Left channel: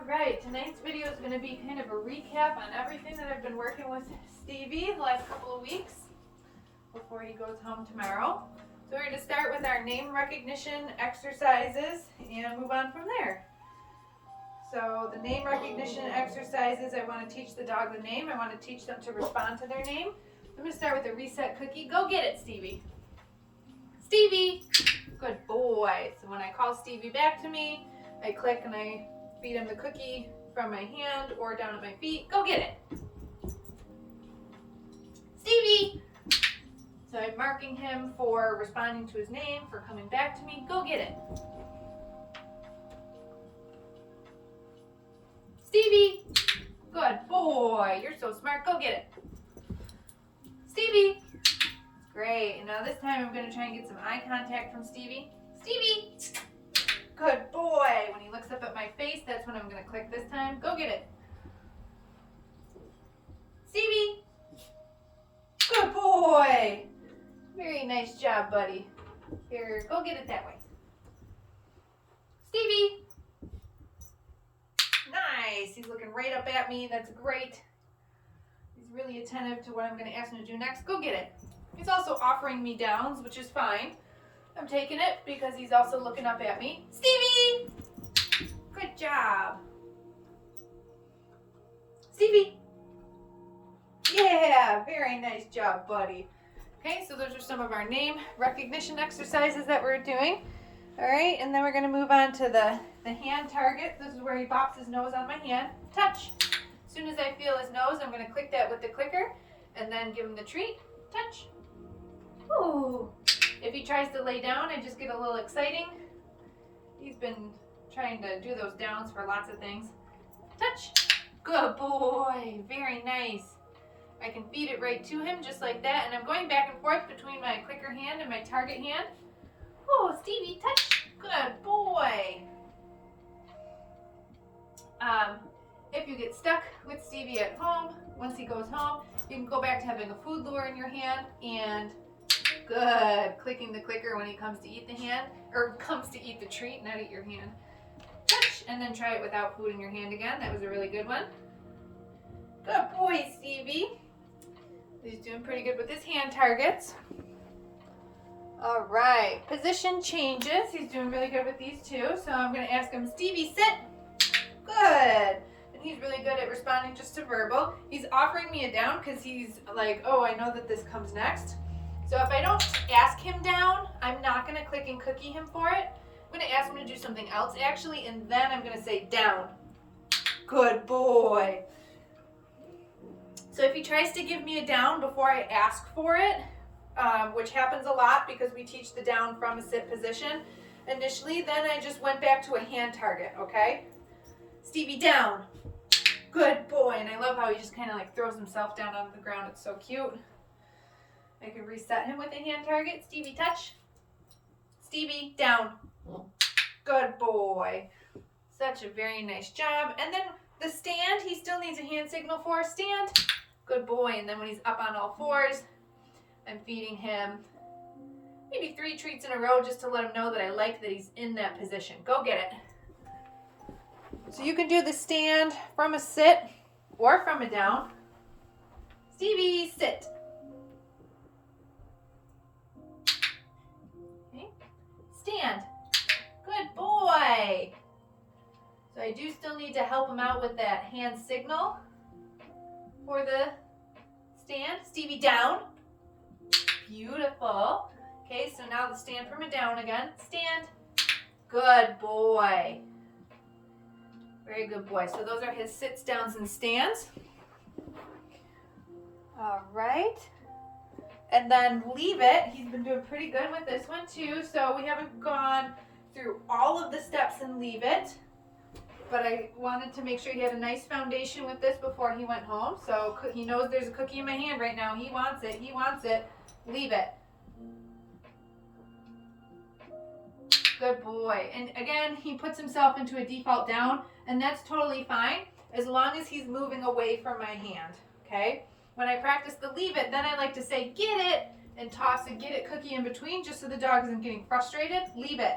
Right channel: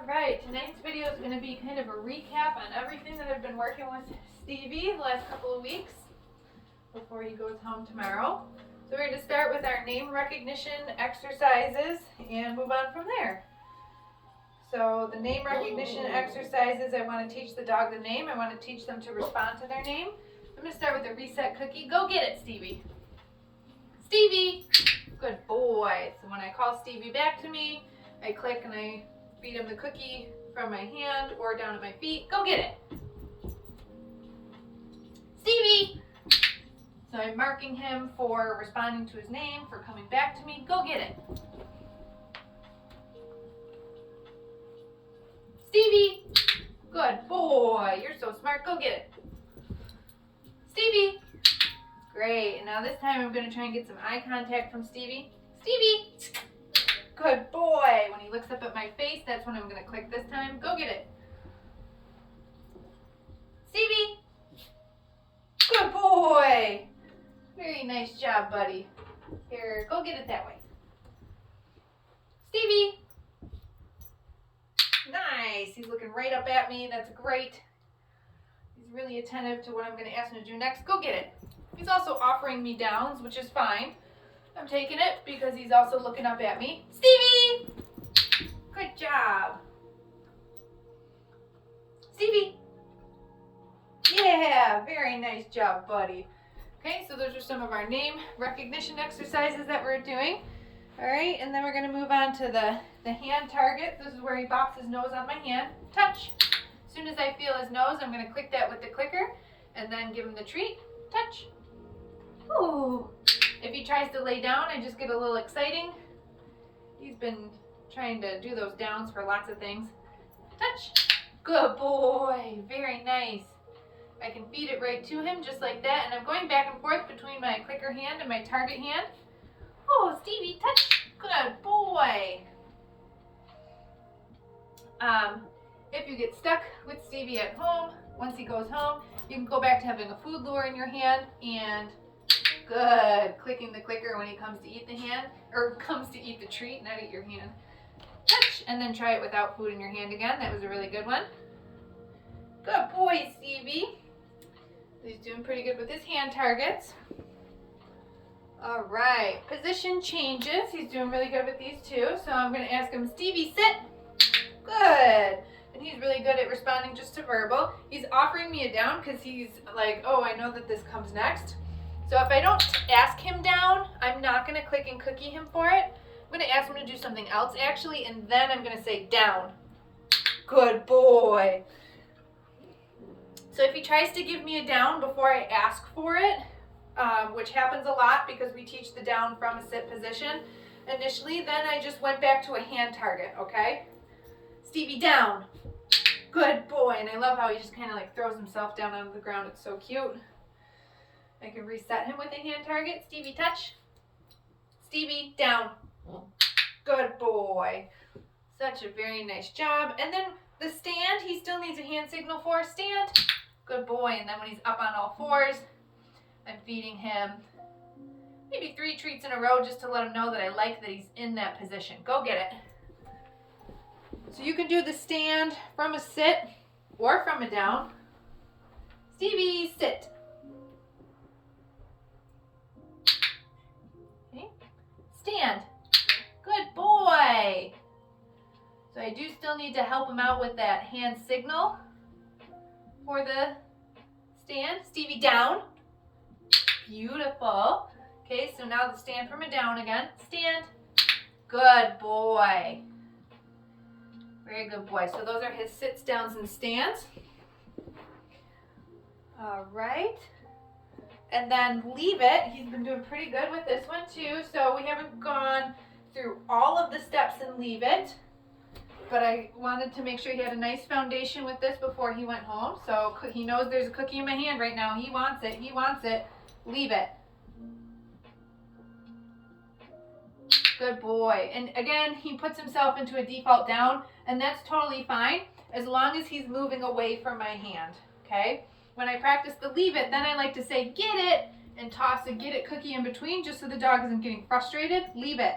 Alright, tonight's video is going to be kind of a recap on everything that I've been working with Stevie the last couple of weeks before he goes home tomorrow. So we're going to start with our name recognition exercises and move on from there. So the name recognition exercises, I want to teach the dog the name. I want to teach them to respond to their name. I'm going to start with the reset cookie. Go get it, Stevie. Stevie! Good boy. So when I call Stevie back to me, I click and I feed him the cookie from my hand or down at my feet. Go get it. Stevie! So I'm marking him for responding to his name, for coming back to me. Go get it. Stevie! Good boy. You're so smart. Go get it. Stevie! Great. And now this time I'm going to try and get some eye contact from Stevie. Stevie! Good boy. When he looks up at my face, that's when I'm going to click this time. Go get it. Stevie! Good boy. Very nice job, buddy. Here, go get it that way. Stevie! Nice. He's looking right up at me. That's great. He's really attentive to what I'm going to ask him to do next. Go get it. He's also offering me downs, which is fine. I'm taking it because he's also looking up at me. Stevie! Good job. Stevie! Yeah, very nice job, buddy. Okay, so those are some of our name recognition exercises that we're doing. All right, and then we're going to move on to the hand target. This is where he bops his nose on my hand. Touch. As soon as I feel his nose, I'm going to click that with the clicker and then give him the treat. Touch. Ooh. If he tries to lay down, I just get a little exciting. He's been trying to do those downs for lots of things. Touch. Good boy. Very nice. I can feed it right to him just like that. And I'm going back and forth between my clicker hand and my target hand. Oh, Stevie, touch. Good boy. If you get stuck with Stevie at home, once he goes home, you can go back to having a food lure in your hand and good. Clicking the clicker when he comes to eat the hand, or comes to eat the treat, not eat your hand. Touch, and then try it without food in your hand again. That was a really good one. Good boy, Stevie. He's doing pretty good with his hand targets. All right, position changes. He's doing really good with these two. So I'm going to ask him, Stevie, sit. Good. And he's really good at responding just to verbal. He's offering me a down because he's like, oh, I know that this comes next. So if I don't ask him down, I'm not going to click and cookie him for it. I'm going to ask him to do something else actually, and then I'm going to say down. Good boy. So if he tries to give me a down before I ask for it, which happens a lot because we teach the down from a sit position initially, then I just went back to a hand target, okay? Stevie, down. Good boy. And I love how he just kind of like throws himself down on the ground. It's so cute. I can reset him with a hand target. Stevie, touch. Stevie, down. Good boy. Such a very nice job. And then the stand, he still needs a hand signal for. Stand. Good boy. And then when he's up on all fours, I'm feeding him maybe 3 treats in a row just to let him know that I like that he's in that position. Go get it. So you can do the stand from a sit or from a down. Stevie, sit. Okay. Stand. Good boy. So I do still need to help him out with that hand signal for the stand. Stevie, down. Beautiful. Okay, so now the stand from a down again. Stand. Good boy. Very good boy. So those are his sits, downs, and stands. All right. And then leave it. He's been doing pretty good with this one too. So we haven't gone through all of the steps in leave it. But I wanted to make sure he had a nice foundation with this before he went home. So he knows there's a cookie in my hand right now. He wants it. He wants it. Leave it. Good boy. And again, he puts himself into a default down, and that's totally fine as long as he's moving away from my hand, okay? When I practice the leave it, then I like to say get it and toss a get it cookie in between just so the dog isn't getting frustrated. Leave it.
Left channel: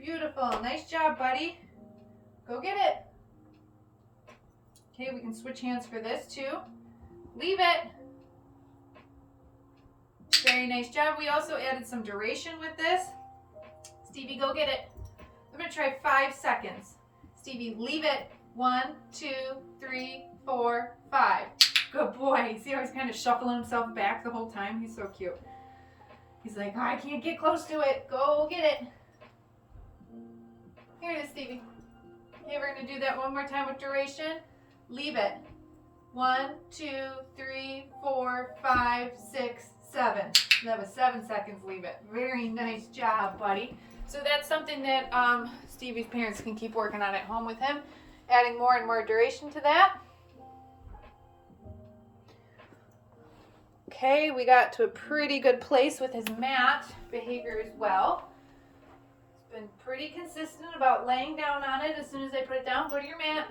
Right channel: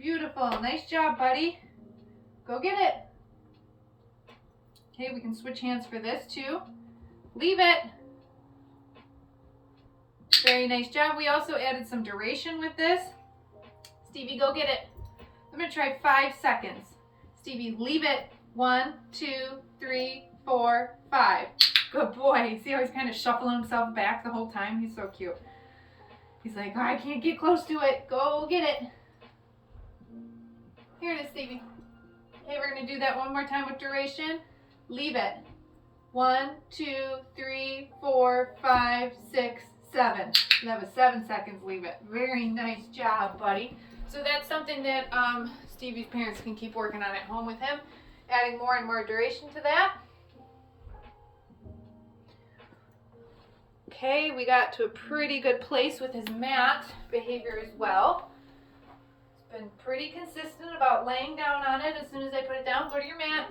Beautiful. Nice job, buddy. Go get it. Okay, we can switch hands for this too. Leave it. Very nice job. We also added some duration with this. Stevie, go get it. I'm going to try 5 seconds. Stevie, leave it. 1, 2, 3, 4, 5. Good boy. See how he's kind of shuffling himself back the whole time? He's so cute. He's like, oh, I can't get close to it. Go get it. Here it is, Stevie. Okay, we're going to do that one more time with duration. Leave it. 1, 2, 3, 4, 5, 6, 7. And that was 7 seconds. Leave it. Very nice job, buddy. So that's something that Stevie's parents can keep working on at home with him, adding more and more duration to that. Okay, we got to a pretty good place with his mat behavior as well. It's been pretty consistent about laying down on it as soon as I put it down. Go to your mat.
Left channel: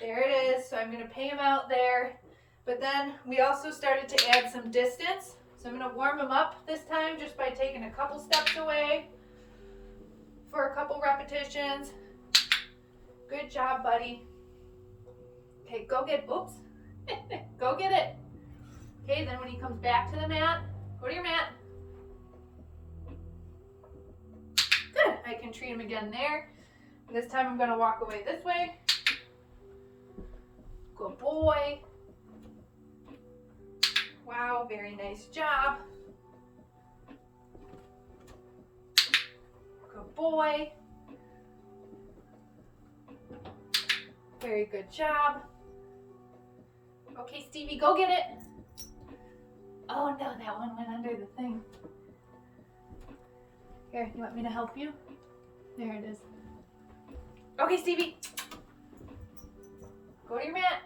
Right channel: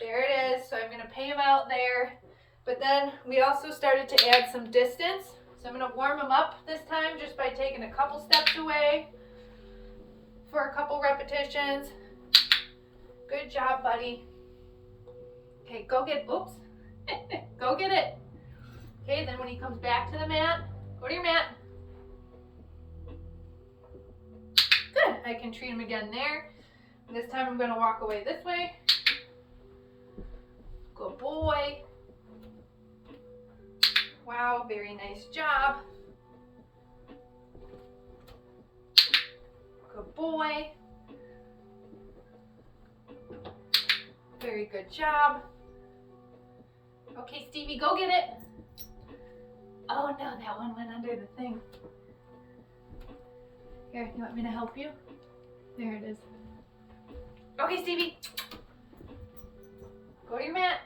There it is. So I'm going to pay him out there. But then we also started to add some distance. So I'm going to warm him up this time just by taking a couple steps away for a couple repetitions. Good job, buddy. Okay, go get, oops. Go get it. Okay, then when he comes back to the mat, go to your mat. Good. I can treat him again there. This time I'm going to walk away this way. Good boy. Wow, very nice job. Good boy. Very good job. Okay, Stevie, go get it. Oh no, that one went under the thing. Here, you want me to help you? There it is. Okay, Stevie. Go to your mat.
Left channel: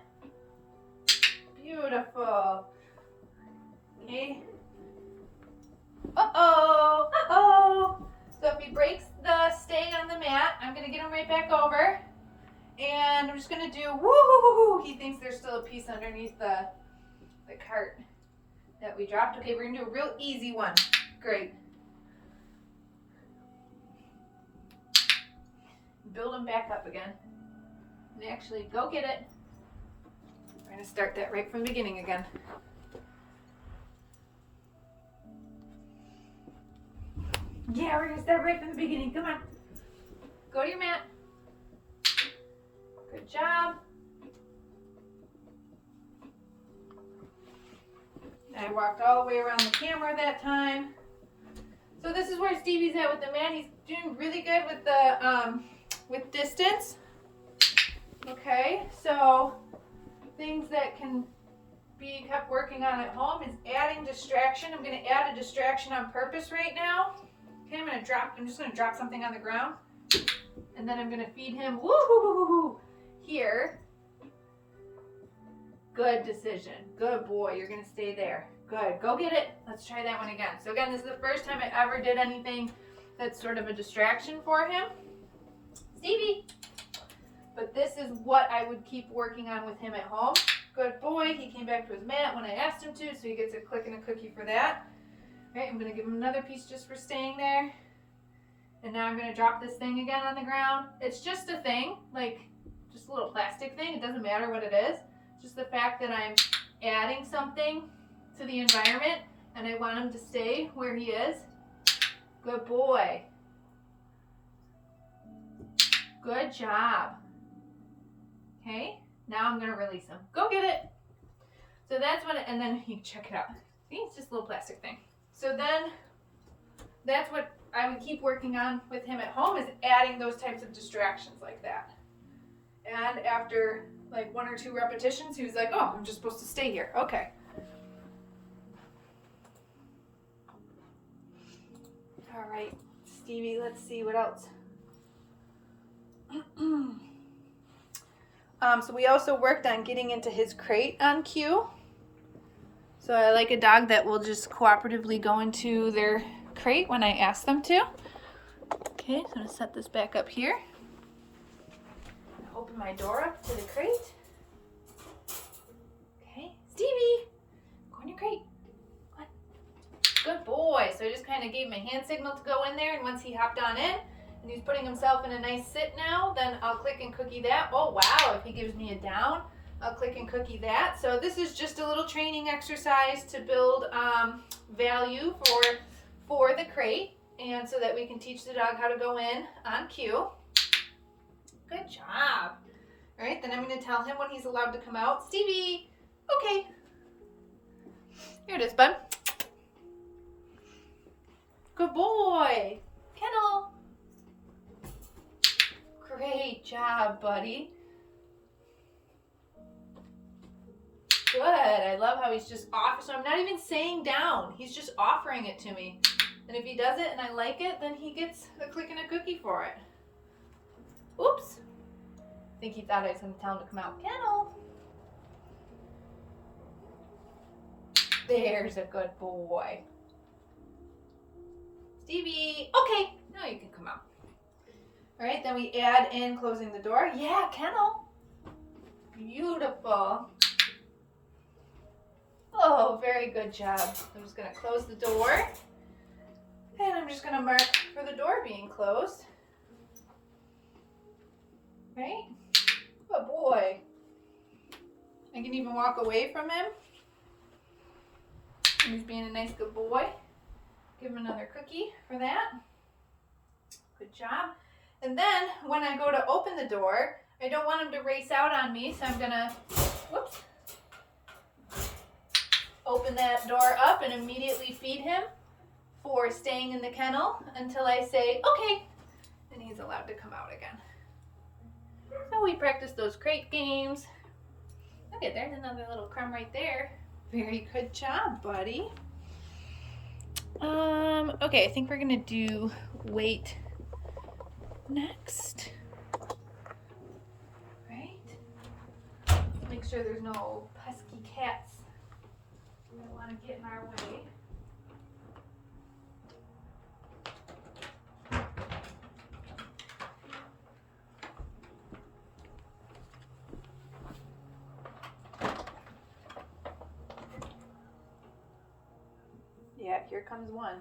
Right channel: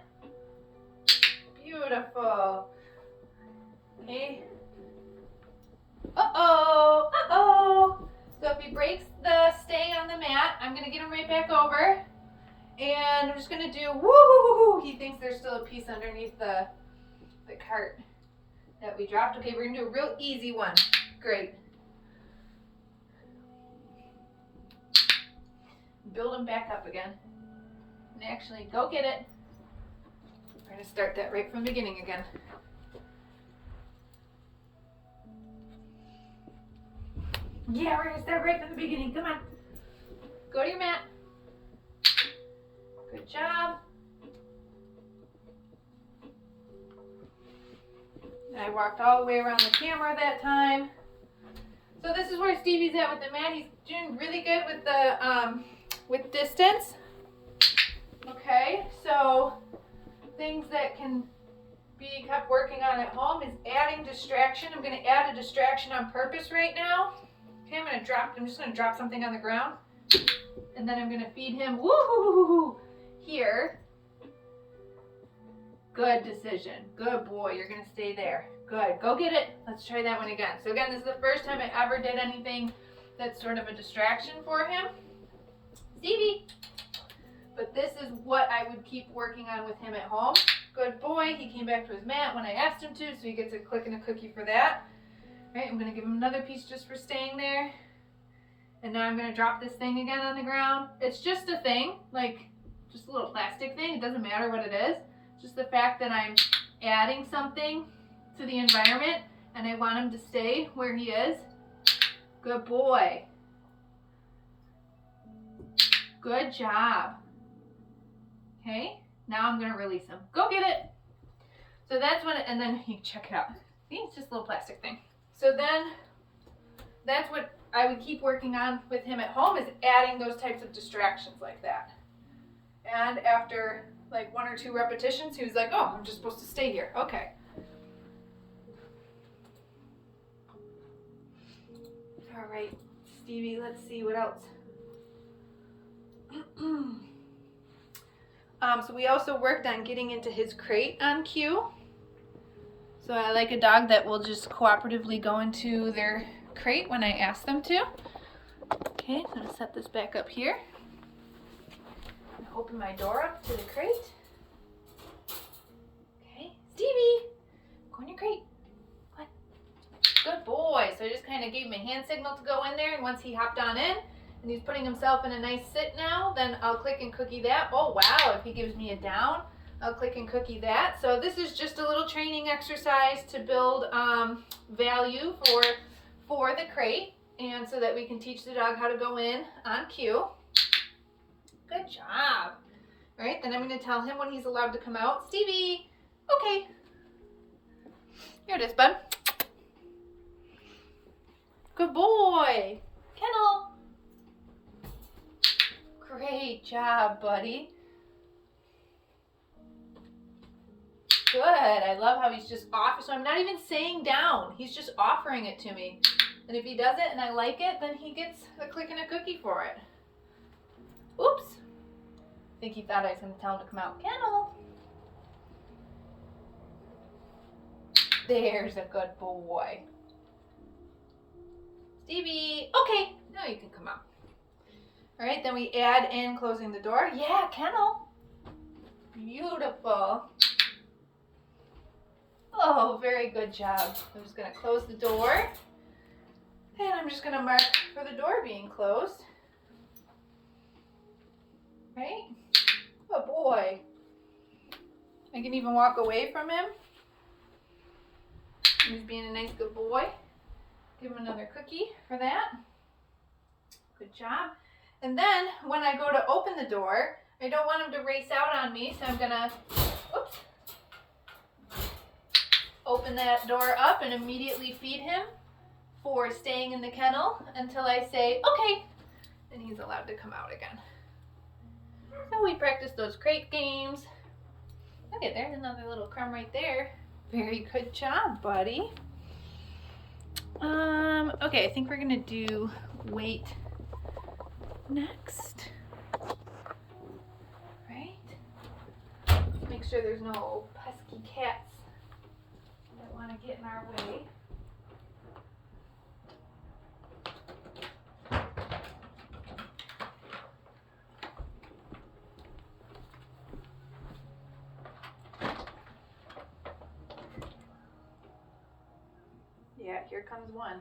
Beautiful. Okay. Uh-oh. Uh-oh. So if he breaks the stay on the mat, I'm going to get him right back over. And I'm just going to do woo-hoo-hoo-hoo. He thinks there's still a piece underneath the cart that we dropped. Okay, we're going to do a real easy one. Great. Build him back up again. And actually, go get it. We're going to start that right from the beginning again. Yeah, we're going to start right from the beginning. Come on. Go to your mat. Good job. I walked all the way around the camera that time. So this is where Stevie's at with the mat. He's doing really good with the with distance. Okay, so things that can be kept working on at home is adding distraction. I'm going to add a distraction on purpose right now. Okay, I'm just going to drop something on the ground. And then I'm going to feed him woo-hoo-hoo-hoo here. Good decision. Good boy. You're going to stay there. Good. Go get it. Let's try that one again. So again, this is the first time I ever did anything that's sort of a distraction for him. Stevie. But this is what I would keep working on with him at home. Good boy. He came back to his mat when I asked him to, so he gets a click and a cookie for that. All right, I'm going to give him another piece just for staying there. And now I'm going to drop this thing again on the ground. It's just a thing, like just a little plastic thing. It doesn't matter what it is. Just the fact that I'm adding something to the environment and I want him to stay where he is. Good boy. Good job. Okay, now I'm going to release him. Go get it. So that's when, and then you check it out. See, it's just a little plastic thing. So then that's what I would keep working on with him at home, is adding those types of distractions like that. And after like 1 or 2 repetitions, he was like, oh, I'm just supposed to stay here. Okay. All right, Stevie, let's see what else. So we also worked on getting into his crate on cue. So I like a dog that will just cooperatively go into their crate when I ask them to. Okay, so I'm going to set this back up here. I'm going to open my door up to the crate. Okay, Stevie, go in your crate. Come on. Good boy. So I just kind of gave him a hand signal to go in there, and once he hopped on in, and he's putting himself in a nice sit now, then I'll click and cookie that. Oh wow, if he gives me a down, I'll click and cookie that. So this is just a little training exercise to build value for the crate, and so that we can teach the dog how to go in on cue. Good job. All right, then I'm going to tell him when he's allowed to come out. Stevie, okay. Here it is, bud. Good boy. Kennel. Great job, buddy. Good. I love how he's just off. So I'm not even saying down. He's just offering it to me. And if he does it and I like it, then he gets a click and a cookie for it. Oops. I think he thought I was going to tell him to come out. Kennel. There's a good boy. Stevie. Okay. Now you can come out. All right. Then we add in closing the door. Yeah, kennel. Beautiful. Oh, very good job. I'm just going to close the door. And I'm just going to mark for the door being closed. Right? Good boy. I can even walk away from him. He's being a nice good boy. Give him another cookie for that. Good job. And then when I go to open the door, I don't want him to race out on me, so I'm going to, whoops, open that door up and immediately feed him for staying in the kennel until I say, okay, and he's allowed to come out again. So we practice those crate games. Okay, there's another little crumb right there. Very good job, buddy. Okay, I think we're gonna do weight next. Right? Make sure there's no pesky cats that want to get in our way. Yeah, here comes one.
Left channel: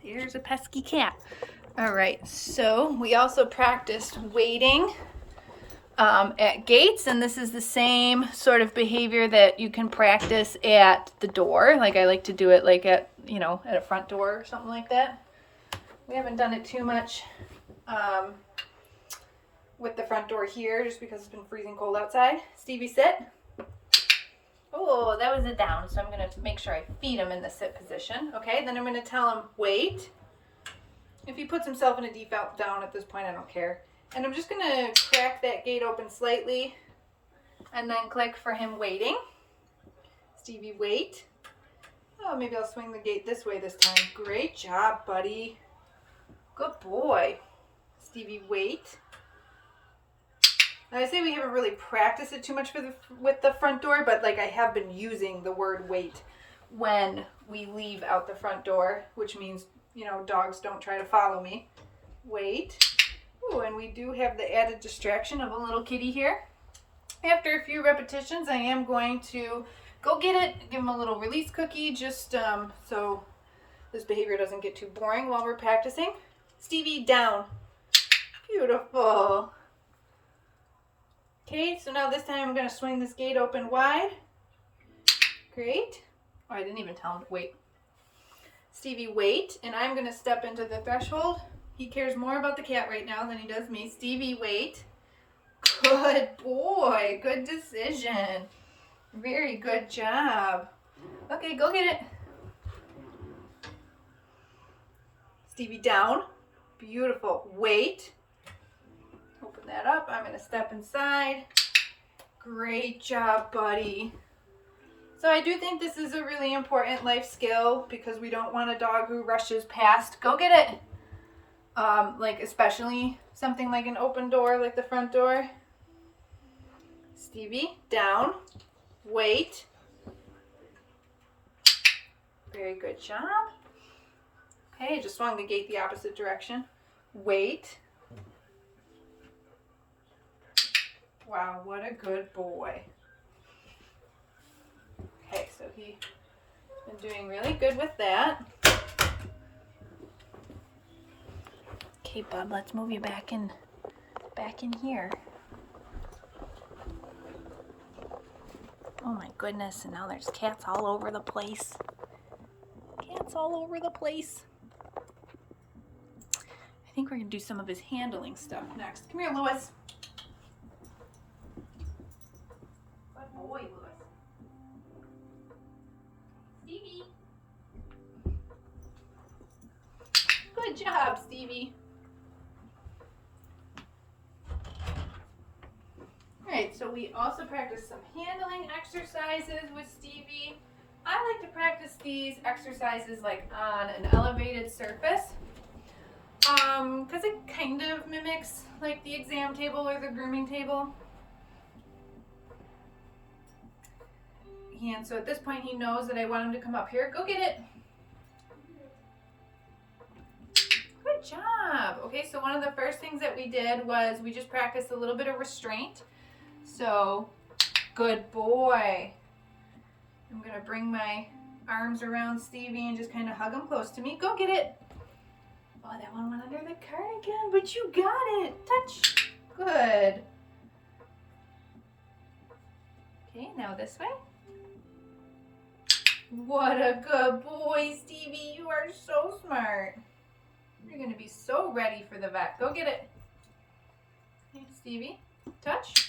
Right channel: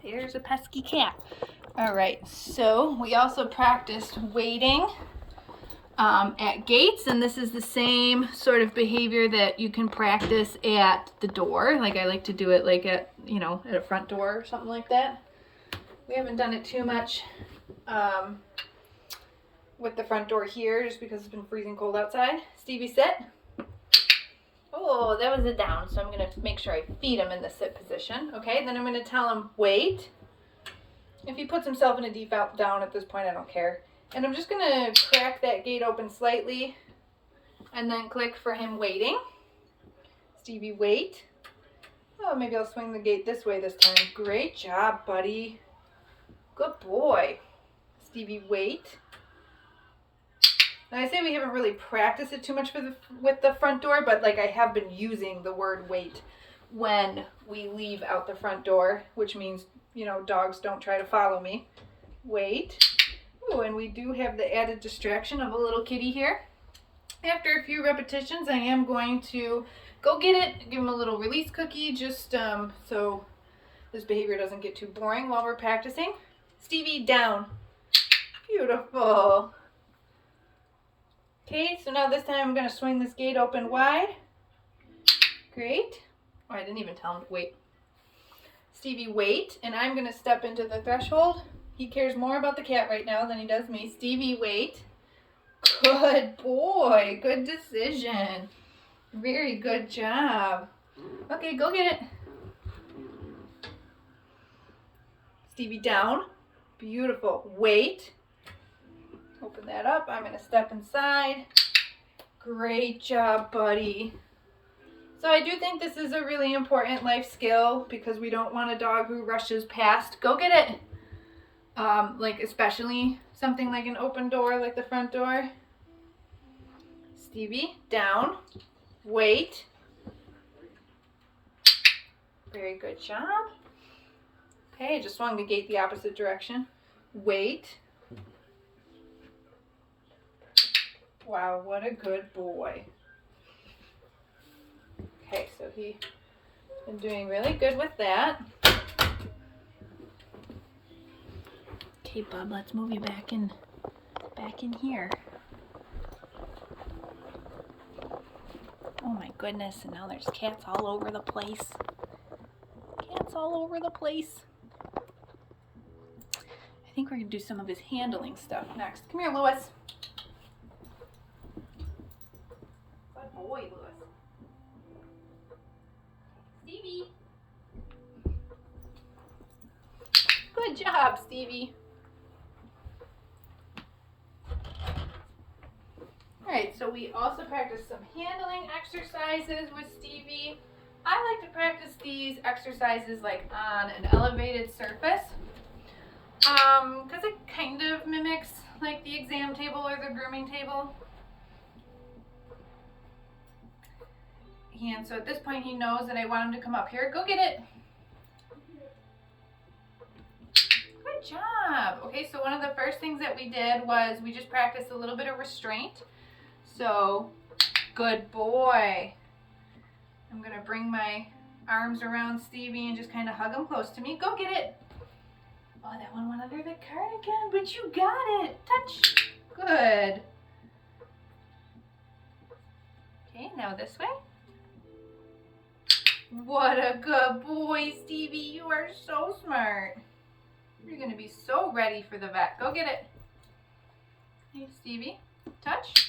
Here's a pesky cat. All right, so we also practiced waiting at gates, and this is the same sort of behavior that you can practice at the door. Like I like to do it like at, you know, at a front door or something like that. We haven't done it too much with the front door here just because it's been freezing cold outside. Stevie, sit. Oh, that was a down, so I'm going to make sure I feed him in the sit position. Okay, then I'm going to tell him wait. If he puts himself in a default down at this point, I don't care. And I'm just going to crack that gate open slightly and then click for him waiting. Stevie, wait. Oh, maybe I'll swing the gate this way this time. Great job, buddy. Good boy. Stevie, wait. Now I say we haven't really practiced it too much with the front door, but like I have been using the word wait when we leave out the front door, which means, you know, dogs don't try to follow me. Wait. Ooh, and we do have the added distraction of a little kitty here. After a few repetitions, I am going to go get it, give him a little release cookie, just so this behavior doesn't get too boring while we're practicing. Stevie, down. Beautiful. Okay, so now this time I'm going to swing this gate open wide. Great. Oh, I didn't even tell him to wait. Stevie, wait, and I'm going to step into the threshold. He cares more about the cat right now than he does me. Stevie, wait. Good boy. Good decision. Very good job. Okay, go get it. Stevie, down. Beautiful. Wait. Open that up. I'm going to step inside. Great job, buddy. So I do think this is a really important life skill because we don't want a dog who rushes past. Go get it. Like especially something like an open door, like the front door. Stevie, down. Wait. Very good job. Okay, just swung the gate the opposite direction. Wait. Wow, what a good boy. Okay, so he's been doing really good with that. Okay, Bub, let's move you back in here. Oh my goodness, and now there's cats all over the place. Cats all over the place. I think we're gonna do some of his handling stuff next. Come here, Lewis. Good boy, Lewis. Stevie. Good job, Stevie. Alright, so we also practice some handling exercises with Stevie. I like to practice these exercises like on an elevated surface because it kind of mimics like the exam table or the grooming table. And so at this point he knows that I want him to come up here. Go get it. Good job. Okay, so one of the first things that we did was we just practiced a little bit of restraint. So, good boy. I'm gonna bring my arms around Stevie and just kind of hug him close to me. Go get it. Oh, that one went under the cardigan, but you got it. Touch. Good. Okay, now this way. What a good boy, Stevie. You are so smart. You're gonna be so ready for the vet. Go get it. Hey, Stevie. Touch.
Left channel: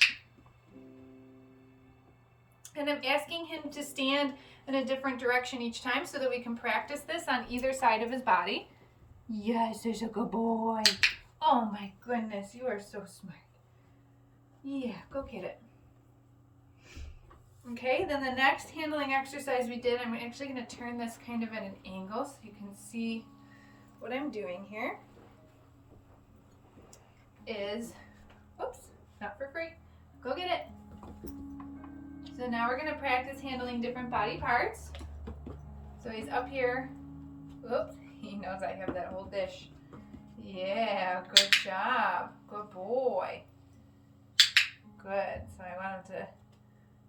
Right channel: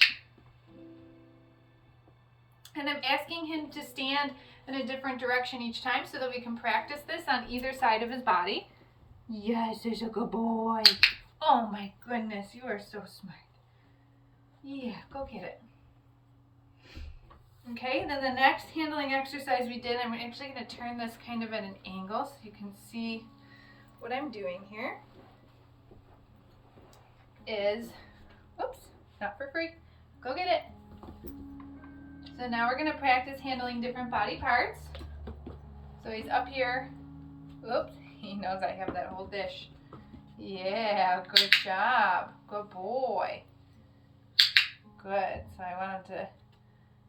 And I'm asking him to stand in a different direction each time so that we can practice this on either side of his body. Yes, there's a good boy. Oh my goodness, you are so smart. Yeah, go get it. Okay, then the next handling exercise we did, I'm actually going to turn this kind of at an angle so you can see what I'm doing here. Is, whoops, not for free. Go get it. So now we're going to practice handling different body parts. So he's up here. Oops, he knows I have that whole dish. Yeah, good job. Good boy. Good. So I want him to,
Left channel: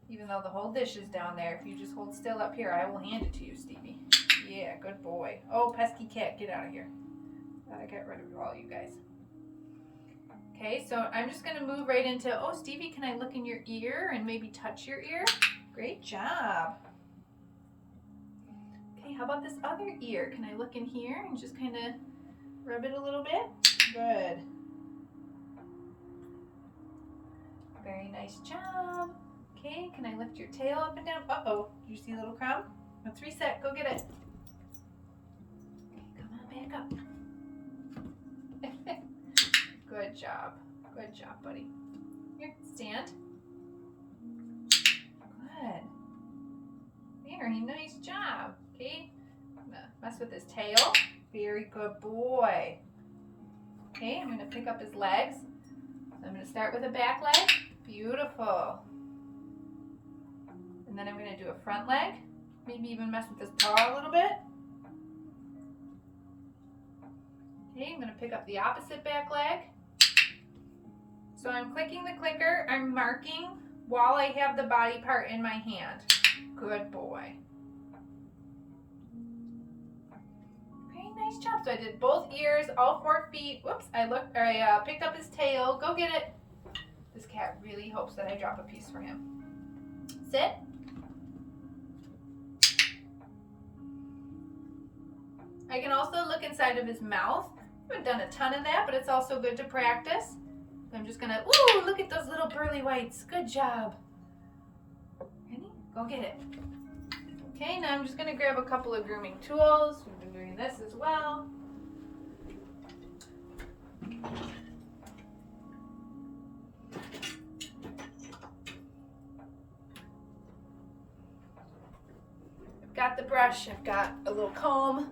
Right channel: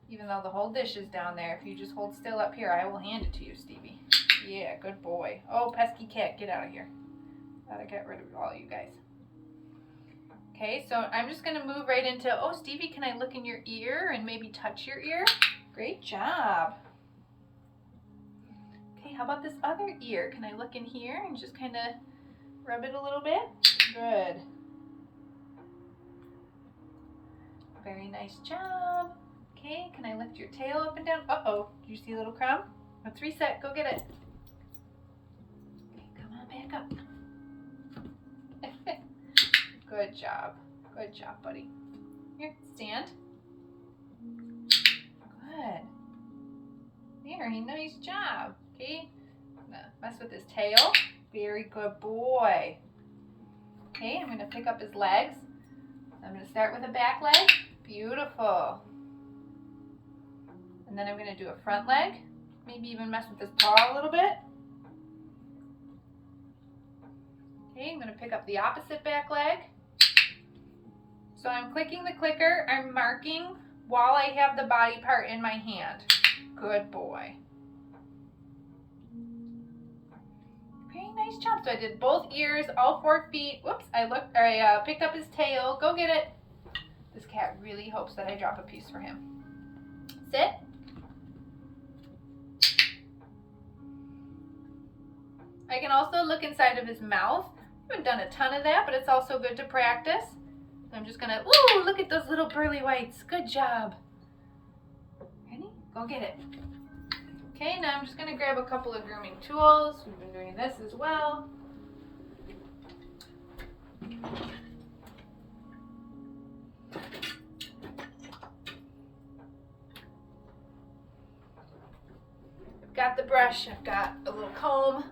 even though the whole dish is down there, if you just hold still up here, I will hand it to you, Stevie. Yeah, good boy. Oh, pesky cat, get out of here. Gotta get rid of all you guys. Okay, so I'm just gonna move right into, oh, Stevie, can I look in your ear and maybe touch your ear? Great job. Okay, how about this other ear? Can I look in here and just kind of rub it a little bit? Good. Very nice job. Okay, can I lift your tail up and down? Uh-oh, do you see a little crumb? Let's reset, go get it. Okay, come on back up. Good job. Good job, buddy. Here, stand. Good. Very nice job. Okay, I'm gonna mess with his tail. Very good boy. Okay, I'm gonna pick up his legs. I'm gonna start with a back leg. Beautiful. And then I'm gonna do a front leg. Maybe even mess with his paw a little bit. Okay, I'm gonna pick up the opposite back leg. So I'm clicking the clicker, I'm marking while I have the body part in my hand. Good boy. Very nice job. So I did both ears, all 4 feet. Whoops, I picked up his tail. Go get it. This cat really hopes that I drop a piece for him. Sit. I can also look inside of his mouth. I haven't done a ton of that, but it's also good to practice. I'm just gonna, ooh, look at those little pearly whites. Good job. Ready? Go get it. Okay, now I'm just gonna grab a couple of grooming tools. We've been doing this as well. I've got the brush, I've got a little comb.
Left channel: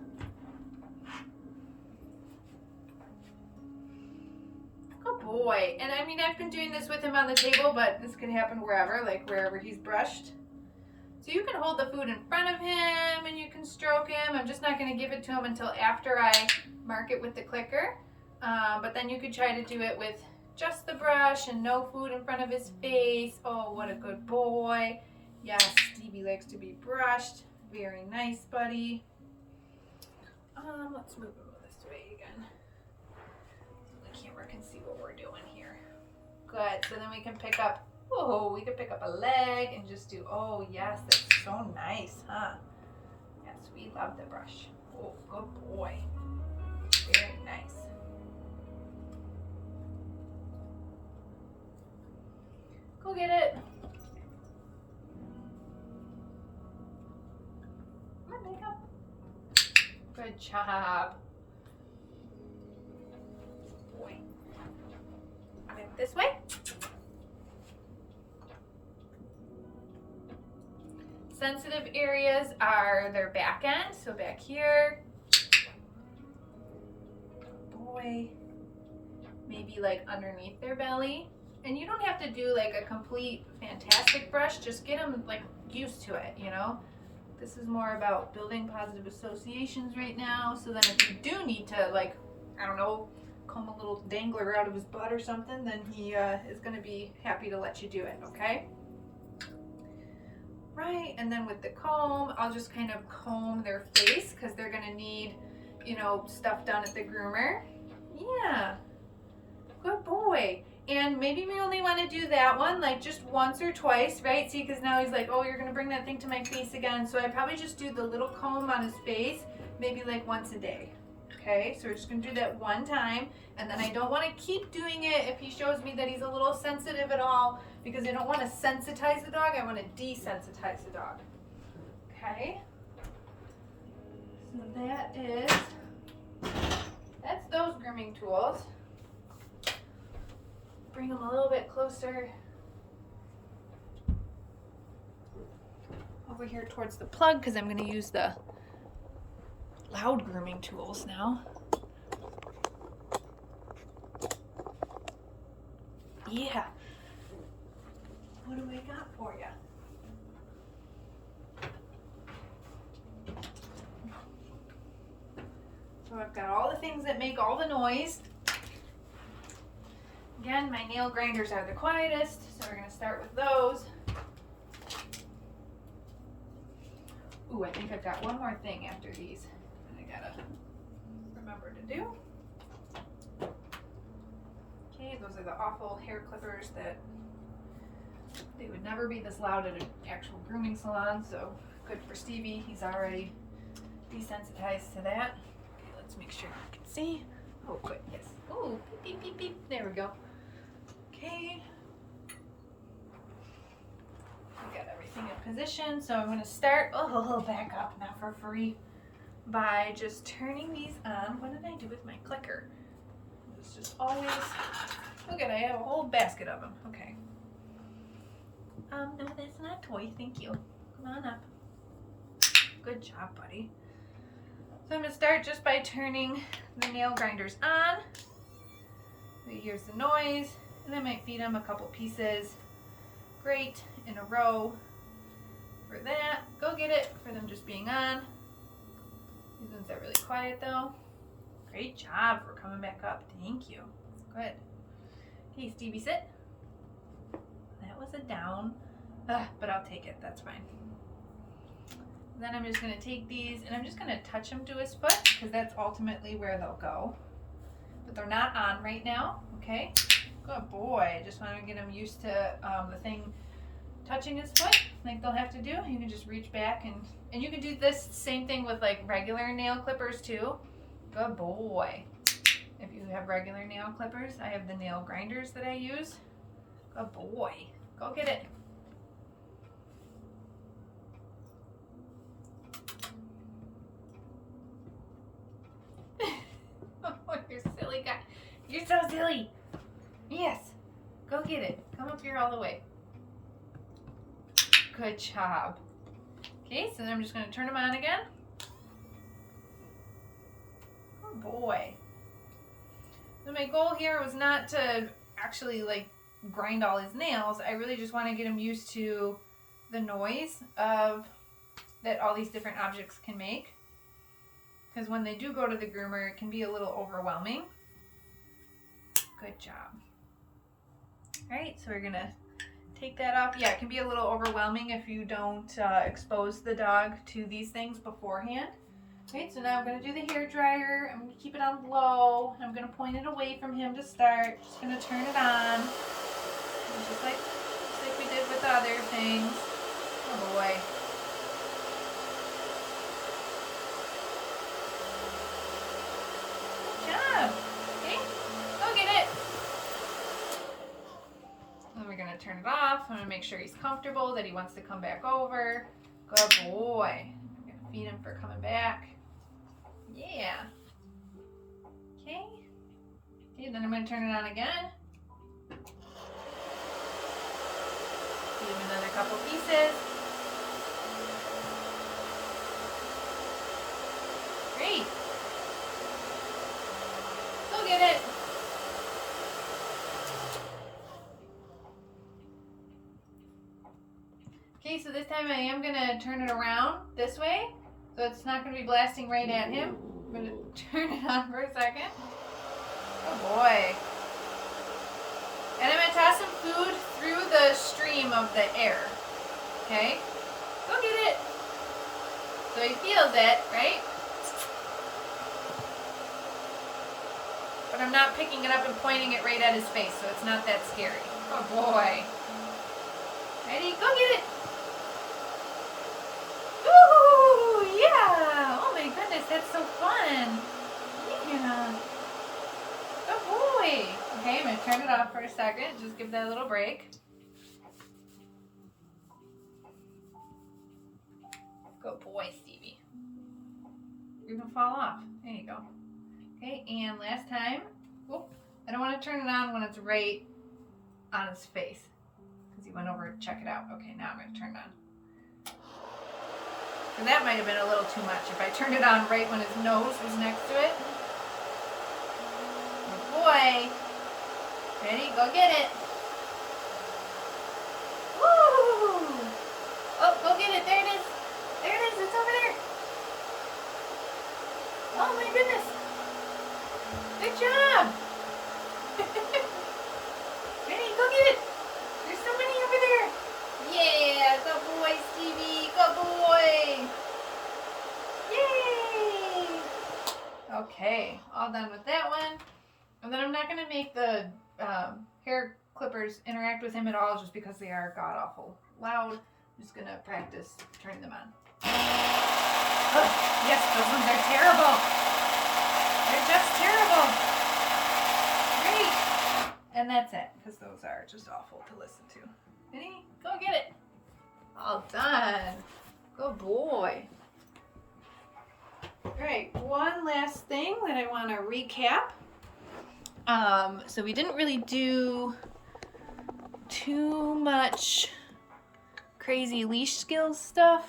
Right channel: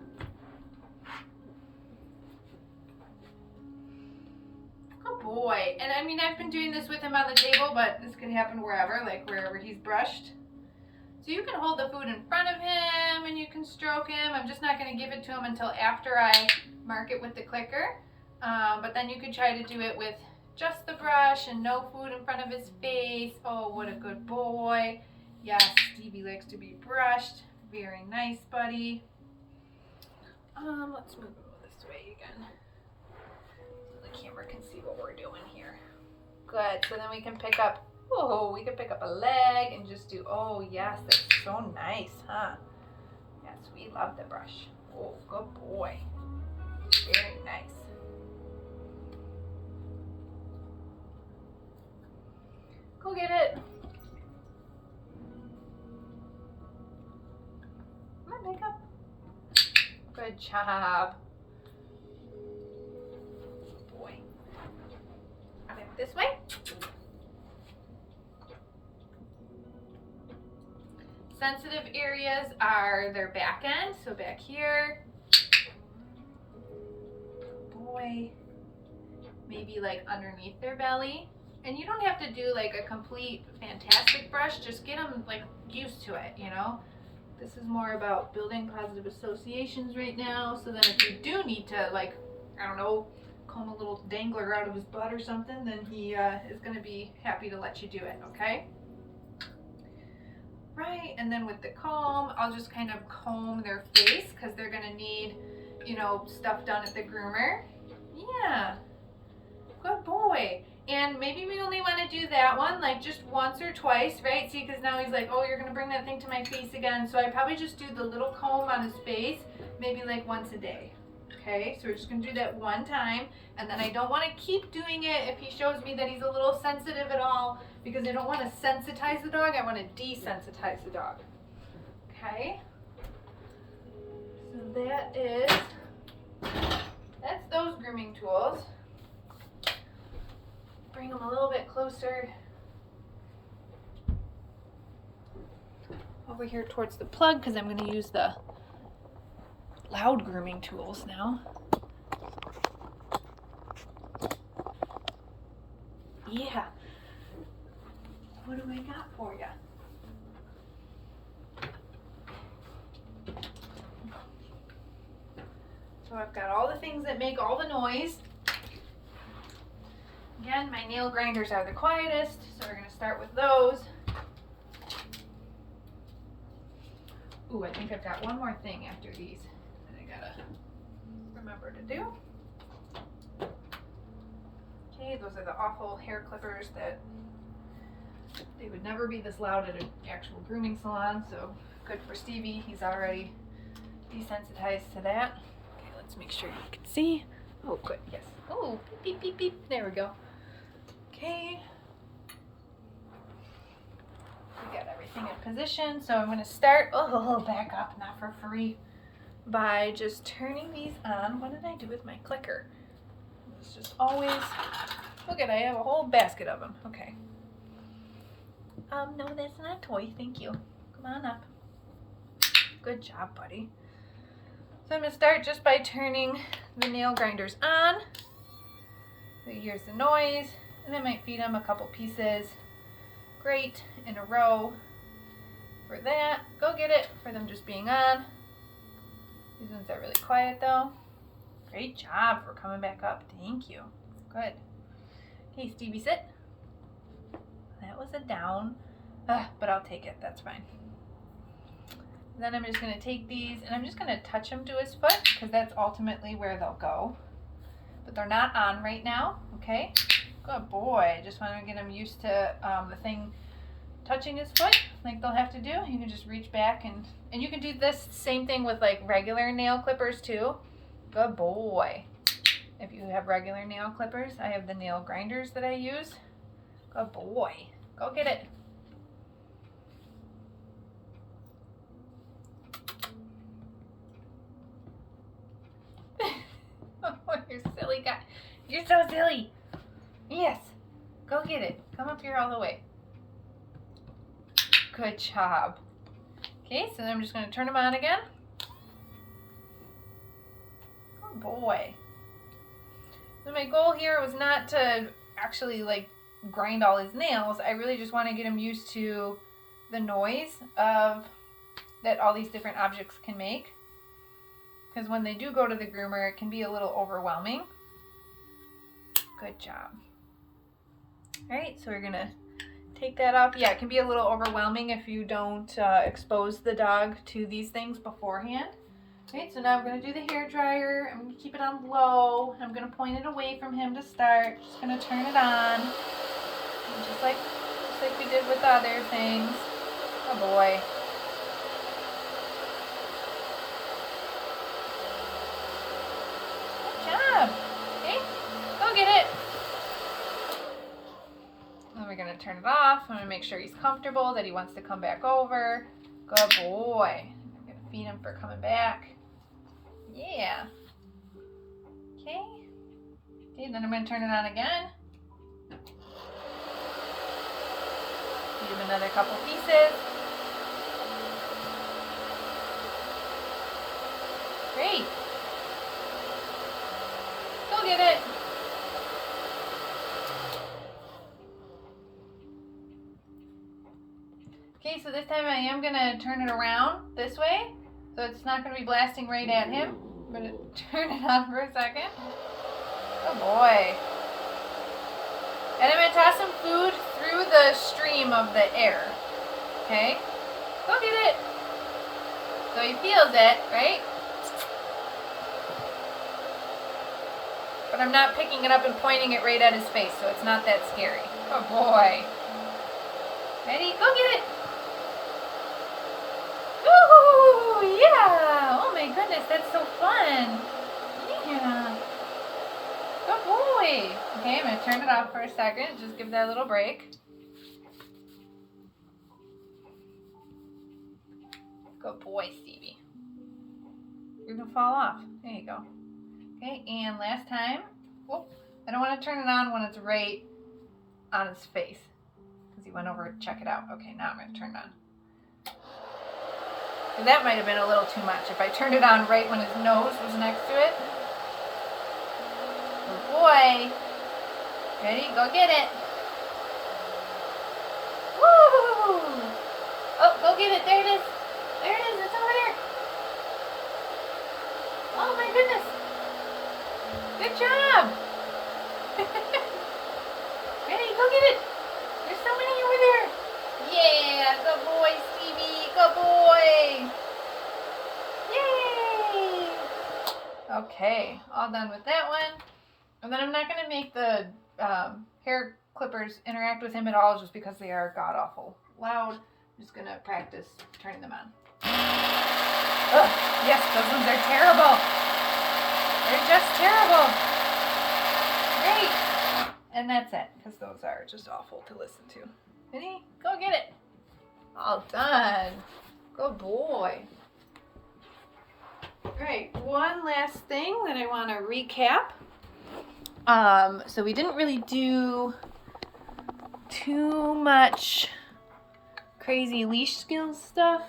Boy, and I mean, I've been doing this with him on the table, but this could happen wherever, like wherever he's brushed. So you can hold the food in front of him and you can stroke him. I'm just not going to give it to him until after I mark it with the clicker. But then you could try to do it with just the brush and no food in front of his face. Oh, what a good boy. Yes, Stevie likes to be brushed. Very nice, buddy. Let's move him this way again so the camera can see what we're doing here. Good. So then we can pick up, we can pick up a leg and just do, oh yes, that's so nice, huh? Yes, we love the brush. Oh, good boy. Very nice. Go get it. Come on, back up. Good job. Boy. Back this way. Sensitive areas are their back end, so back here. Boy. Maybe like underneath their belly. And you don't have to do like a complete fantastic brush, just get them like used to it, you know? This is more about building positive associations right now, so then if you do need to, like, I don't know, comb a little dangler out of his butt or something, then he is going to be happy to let you do it, okay? Right, and then with the comb, I'll just kind of comb their face because they're going to need, you know, stuff done at the groomer. Yeah, good boy. And maybe we only want to do that one like just once or twice, right? See, because now he's like, oh, you're going to bring that thing to my face again. So I probably just do the little comb on his face, maybe like once a day. Okay, so we're just going to do that one time. And then I don't want to keep doing it if he shows me that he's a little sensitive at all, because I don't want to sensitize the dog. I want to desensitize the dog. Okay, so that's those grooming tools. Bring them a little bit closer over here towards the plug because I'm going to use the loud grooming tools now. Yeah. What do I got for you? So I've got all the things that make all the noise. Again, my nail grinders are the quietest, so we're going to start with those. Ooh, I think I've got one more thing after these that I gotta remember to do. Okay, those are the awful hair clippers that they would never be this loud at an actual grooming salon, so good for Stevie. He's already desensitized to that. Okay, let's make sure you can see. Oh, quick, yes. Oh, beep, beep, beep, beep. There we go. Okay. We got everything in position, so I'm going to start, back up, not for free, by just turning these on. What did I do with my clicker? It's just always, look at, I have a whole basket of them. Okay. No, that's not a toy, thank you. Come on up. Good job, buddy. So I'm going to start just by turning the nail grinders on. So here's the noise, and I might feed them a couple pieces. Great, in a row for that. Go get it for them just being on. These ones are really quiet though. Great job for coming back up. Thank you. Good. Okay, Stevie, sit. That was a down, but I'll take it. That's fine. Then I'm just going to take these and I'm just going to touch them to his foot because that's ultimately where they'll go. But they're not on right now, okay? Good boy. Just want to get him used to the thing touching his foot like they'll have to do. You can just reach back and you can do this same thing with like regular nail clippers too. Good boy. If you have regular nail clippers, I have the nail grinders that I use. Good boy. Go get it. Oh, you're silly guy. You're so silly. Yes. Go get it. Come up here all the way. Good job. Okay, so then I'm just going to turn them on again. Good boy. So my goal here was not to actually like grind all his nails. I really just want to get him used to the noise of that all these different objects can make. Because when they do go to the groomer, it can be a little overwhelming. Good job. All right, so we're gonna take that off. Yeah, it can be a little overwhelming if you don't expose the dog to these things beforehand. Right, so now I'm going to do the hair dryer. I'm going to keep it on low. I'm going to point it away from him to start. Just going to turn it on. And just like we did with other things. Oh boy. Good job. See? Go get it. Then we're going to turn it off. I'm going to make sure he's comfortable, that he wants to come back over. Good boy. I'm going to feed him for coming back. Yeah. Okay. See, then I'm going to turn it on again. Give him another couple pieces. Great. Go get it. Okay, so this time I am going to turn it around this way. So it's not going to be blasting right at him. I'm going to turn it on for a second. Oh boy. And I'm going to toss some food through the stream of the air. Okay? Go get it. So he feels it, right? But I'm not picking it up and pointing it right at his face, so it's not that scary. Oh boy. Ready? Go get it. Ooh, yeah! Oh my goodness, that's so fun. Yeah. Good boy. Okay, I'm going to turn it off for a second. Just give that a little break. Good boy, Stevie. You're going to fall off. There you go. Okay, and last time. Whoop. I don't want to turn it on when it's right on his face, because he went over to check it out. Okay, now I'm going to turn it on. So that might have been a little too much if I turned it on right when his nose was next to it. Good boy. Ready? Go get it. Woo! Oh, go get it. There it is. There it is. It's over there. Oh my goodness. Good job. Ready? Go get it. There's so many over there. Yeah, good boy, Stevie. Good boy. Yay! Okay, all done with that one. And then I'm not going to make the hair clippers interact with him at all, just because they are god-awful loud. I'm just going to practice turning them on. Oh, yes, those ones are terrible. They're just terrible. Great. And that's it, because those are just awful to listen to. Ready? Go get it. All done. Good boy. Great. One last thing that I want to recap. So we didn't really do too much crazy leash skills stuff,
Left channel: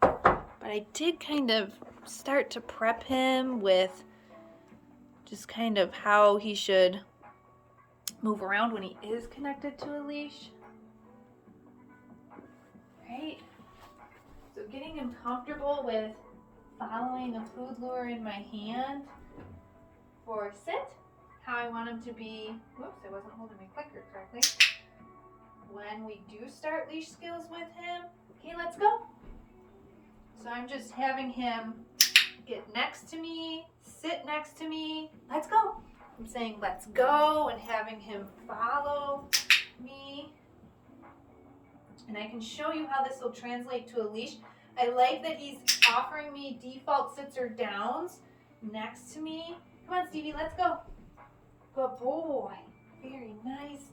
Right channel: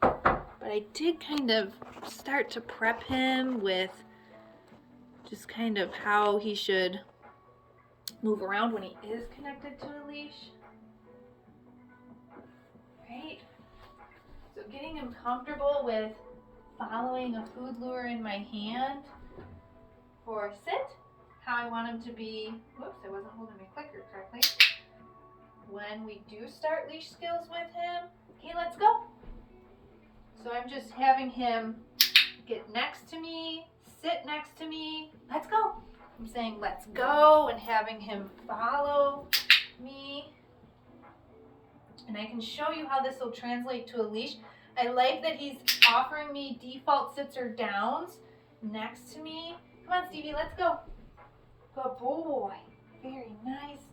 but I did kind of start to prep him with just kind of how he should move around when he is connected to a leash. Right? So getting him comfortable with following a food lure in my hand for sit, how I want him to be, whoops, I wasn't holding my clicker correctly. When we do start leash skills with him, okay, let's go. So I'm just having him get next to me, sit next to me, let's go. I'm saying let's go and having him follow me. And I can show you how this will translate to a leash. I like that he's offering me default sits or downs next to me. Come on, Stevie, let's go. Good boy. Very nice.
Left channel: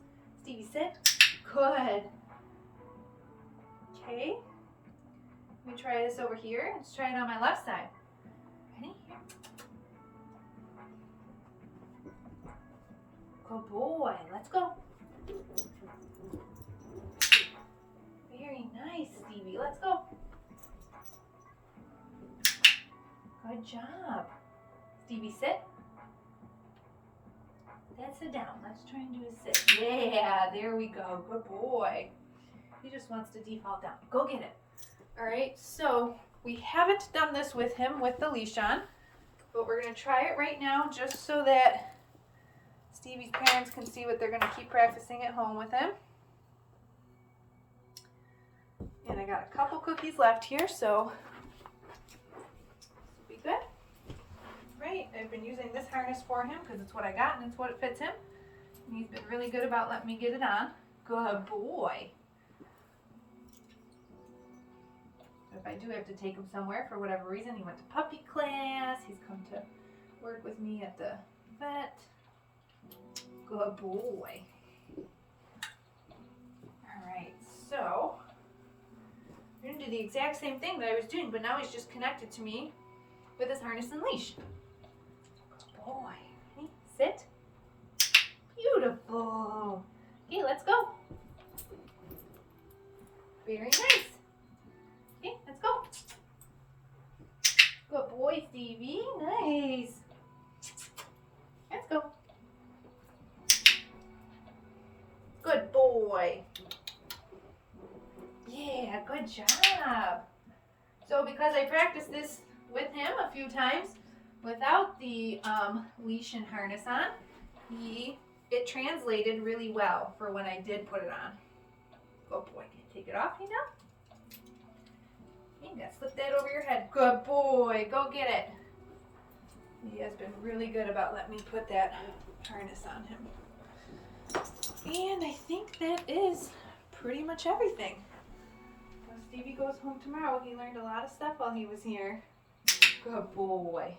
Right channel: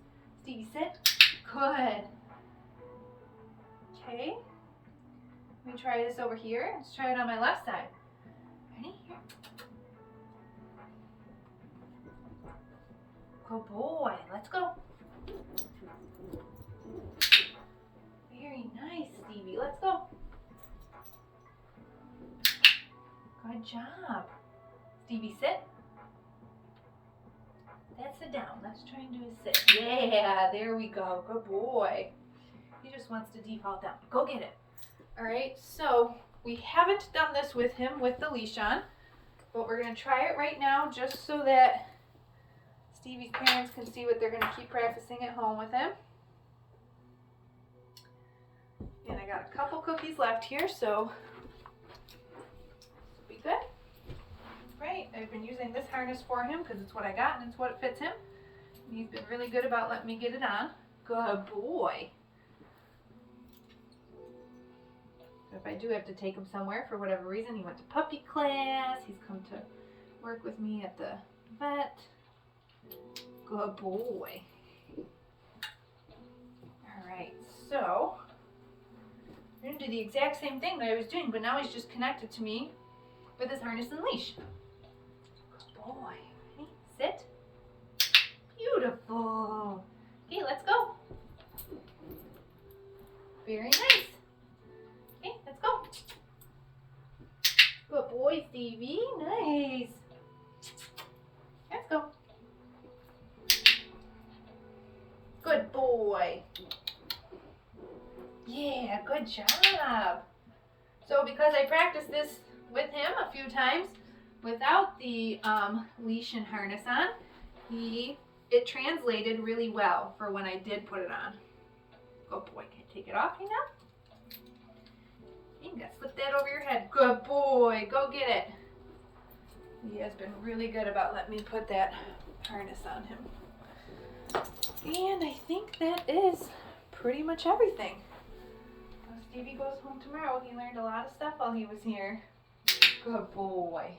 Stevie, sit. Good. Okay. Let me try this over here. Let's try it on my left side. Ready? Here. Good boy. Let's go. Very nice, Stevie. Let's go. Good job. Stevie, sit. That's a down. Let's try and do a sit. Yeah, there we go. Good boy. He just wants to default down. Go get it. All right, so we haven't done this with him with the leash on, but we're going to try it right now just so that Stevie's parents can see what they're going to keep practicing at home with him. And I got a couple cookies left here, so this will be good. Right, I've been using this harness for him because it's what I got and it's what fits him. And he's been really good about letting me get it on. Good boy. So if I do have to take him somewhere for whatever reason, he went to puppy class, he's come to work with me at the vet. Good boy. Alright, so I'm going to do the exact same thing that I was doing, but now he's just connected to me with his harness and leash. Good boy. Okay, sit. Beautiful. Okay, let's go. Very nice. Okay, let's go. Good boy, Stevie. Nice. Let's go. Good boy. Yeah, good job. So because I practiced this with him a few times without the leash and harness on, it translated really well for when I did put it on. Good boy. Can I take it off here now? You gotta slip that over your head. Good boy. Go get it. He has been really good about letting me put that harness on him. And I think that is pretty much everything. When Stevie goes home tomorrow, he learned a lot of stuff while he was here. Good boy.